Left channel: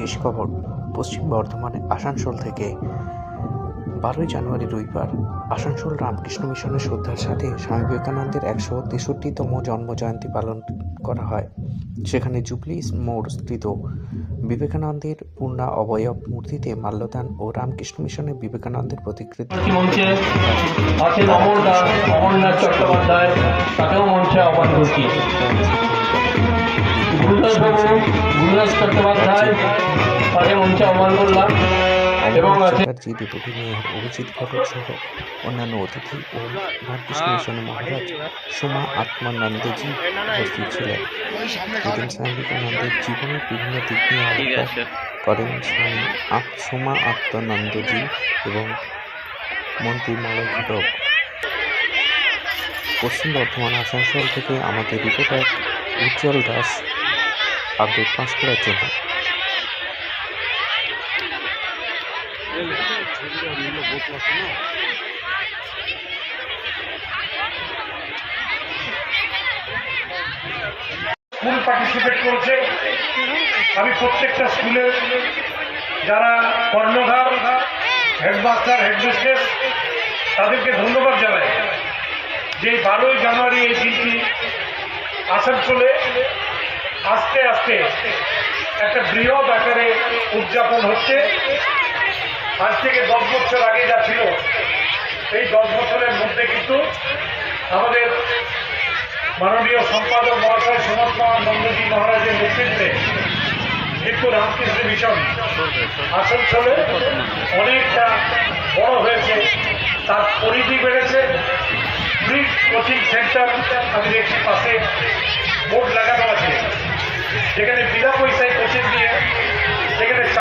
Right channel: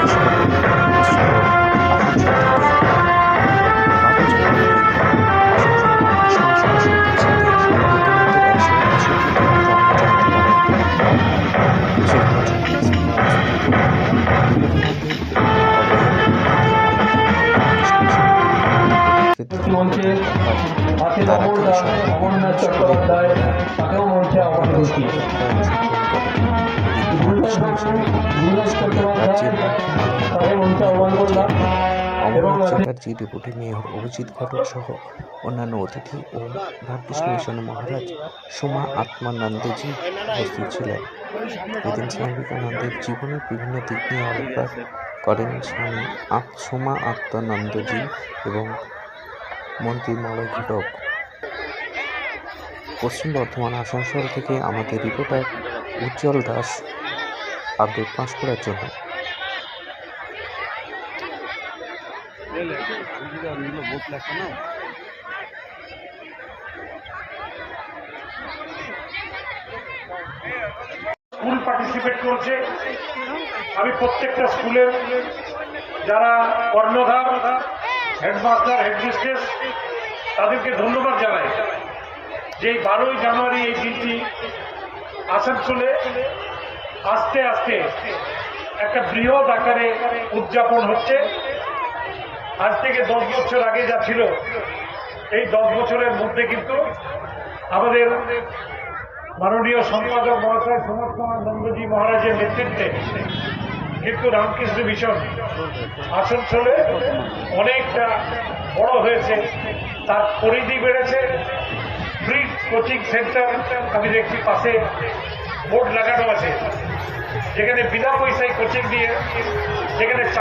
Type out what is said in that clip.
শেষ খবর। পশ্চিম বর্ধমান আসানসোল থেকে 12 জানুয়ারি রবিবার আসানসোল রামকৃষ্ণ মিশনের শ্রদ্ধার সাথে স্বামী বিবেকানন্দের 163তম জন্মজয়ন্তী পালন হয়। সেখানে জুবলি মোড়স্থিত বিবেকানন্দের পূর্ণা অবয়ব মূর্তিতে মাল্যদান ও রামকৃষ্ণ মিশনের বিবেকানন্দ প্রতিকৃতি মঞ্চে আছেন অমরনাথ চট্টোপাধ্যায়, তাকেও মঞ্চে আহ্বান করছি। গুরুদাস চট্টোপাধ্যায়, তাকে মঞ্চে আহ্বান করলাম। এবং চ্যাটার্জি, ডেপুটি মেয়র অভিজিৎ ঘটক সহ অন্যান্য অতিথি ও রামকৃষ্ণ মিশনের মহারাজ সোমা আত্মানন্দজি উপস্থিত ছিলেন। এদিন স্বামী বিবেকানন্দের জীবনের বিভিন্ন দিক নিয়ে আলোকপাত করেন স্বামী সোমা আত্মানন্দজি এবং মন্ত্রী মলয় ঘটক। পশ্চিম বর্ধমান আসানসোল থেকে আমাদের রিপোর্টার উজ্জ্বল দাস আপডেট পাঁশকুড়ার জন্য। স্কুল পার্টিসিপেট করছে। আমি প্রত্যেকটা স্কুলের যারা কর্ণধার, হেডমাস্টার, হেডমিস্ট্রেস, তাদেরকে ধন্যবাদ জানাই যে 12ই জানুয়ারি এই দিনটি আসানসোলে আস্তে আস্তে একটা বৃহৎ আকারে উদযাপন হচ্ছে। আজ থেকে 10 বছর আগে যা ছিল, এই 10 বছরের মধ্যে কিন্তু আমাদের মাননীয় সম্পাদক মহাশয় সনাতনানন্দজি মহারাজের নেতৃত্বে কিন্তু রামকৃষ্ণ মিশন আসানসোলে অনেকটা বড় হয়েছে, তার পরিধি বেড়েছে। ব্রিজ কোচিং সেন্টার আমি দেখছি পাশে বোর্ড লাগানো আছে,